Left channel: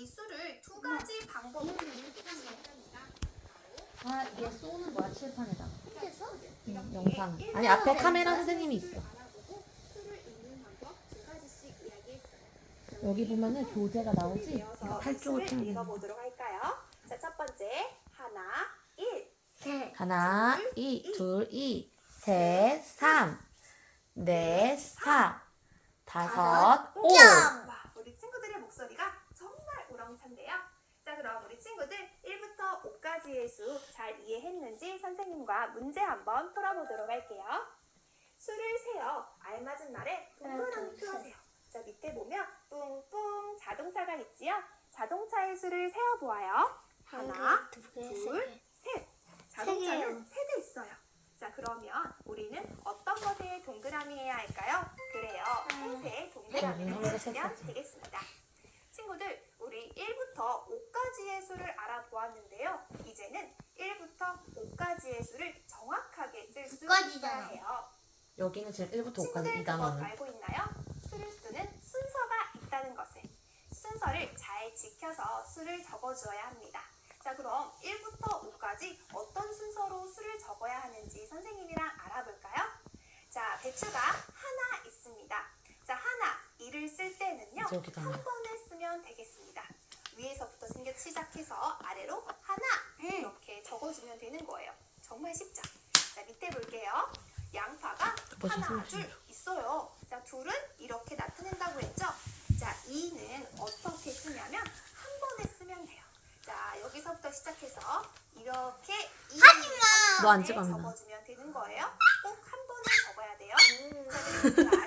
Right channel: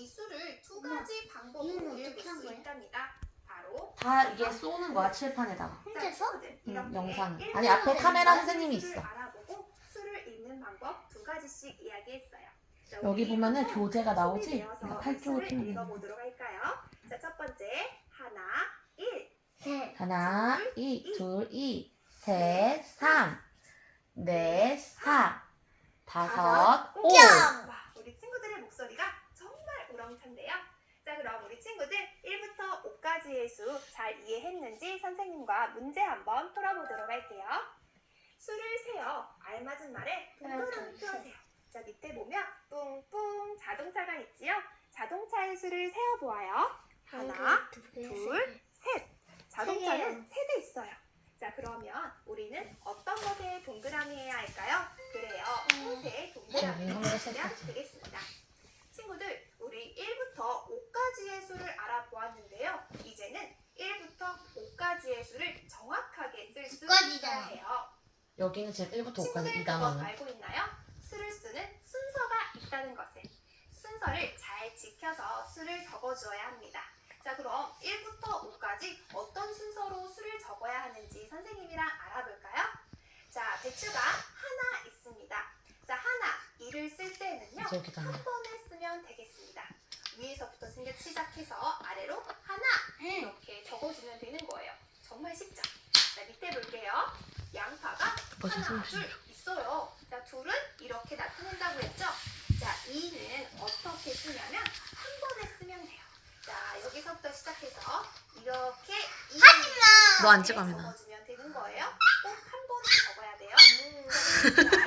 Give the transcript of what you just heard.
이 수를 두 가지 방법으로 읽을 수 있답니다. 바로 다 이게 쏘는 거야 칠판에다가. 혼자서? 응, 영상. 아니 앞에 카메라 선생님이 있어. 알아보고 수를 읽는 방법 두 가지씩 이야기했어요. 자, 여기 우리 보면은 한번 교재가 나오지. 내어서 내가 팔쪽을. 읽어보도록 할까요? 자, 첫 번째 하나, 일. 셋. 하나, 이, 둘, 이, 셋, 삼, 넷, 사, 다섯, 오. 점. 와, 우리 친구들의 목소리가 우렁찬데요. 자, 그럼 우리 친구들 1부터 5까지의 수 잘 이해했는지 선생님과 문제 한번 풀어보도록 할게요. 수를 세어 알맞은 말에 동그라미 하나, 둘, 풀어세요. 자, 밑에 보면 뿡뿡 자동차가 있지요. 자동차의 수를 세어 보아요. 하나, 개, 둘, 세 셋. 자동차는. 세 대 있어요. 자, 그러면 우리는 어떤 것에 동그라미 해야 할까요? 그래요. 음. 셋에 동그라미를 음, 해주시면 셋, 셋. 되겠습니다. 친구들, 우리 1부터 5까지의 수를 알아보았는데요. 이제는 1부터 5까지의 수를 정확하게 가지잖아. 해요. 여기는 지금 1부터 5까지 친구들 그거 2단원. 알고 있나요? 수를 쓰는 순서가 있다는 것을. 순서를 잘 지켜서 수를 적어주어야 합니다. 자, 그럼 1부터 5까지 어떤 순서로 수를 적어야 하는지 선생님이랑 알아볼까요? 자, 배추가 하나 있습니다. 자, 하나, 이를 쓸 때는요. 이제 여기다 한 번에 쓰면 되겠습니다. 위에서부터 생겨 시작해서 아래로 하나 이렇게 적어주면 되는 거예요. 정말 쉽죠? 자, 밑에 볼게요. 양파가 벌써 하나, 둘 있어요. 자, 둘은 이렇게 나타낸다고 했죠? 자, 이는 어떻게 쓰냐면 한 번에 쓰면 돼요. 자, 여기서부터 시작해서 이렇게 이 너안 번에 찍어, 하민아. 적어주면 되는 거예요. 꼭 한 번에 적어야 돼요. 선생님들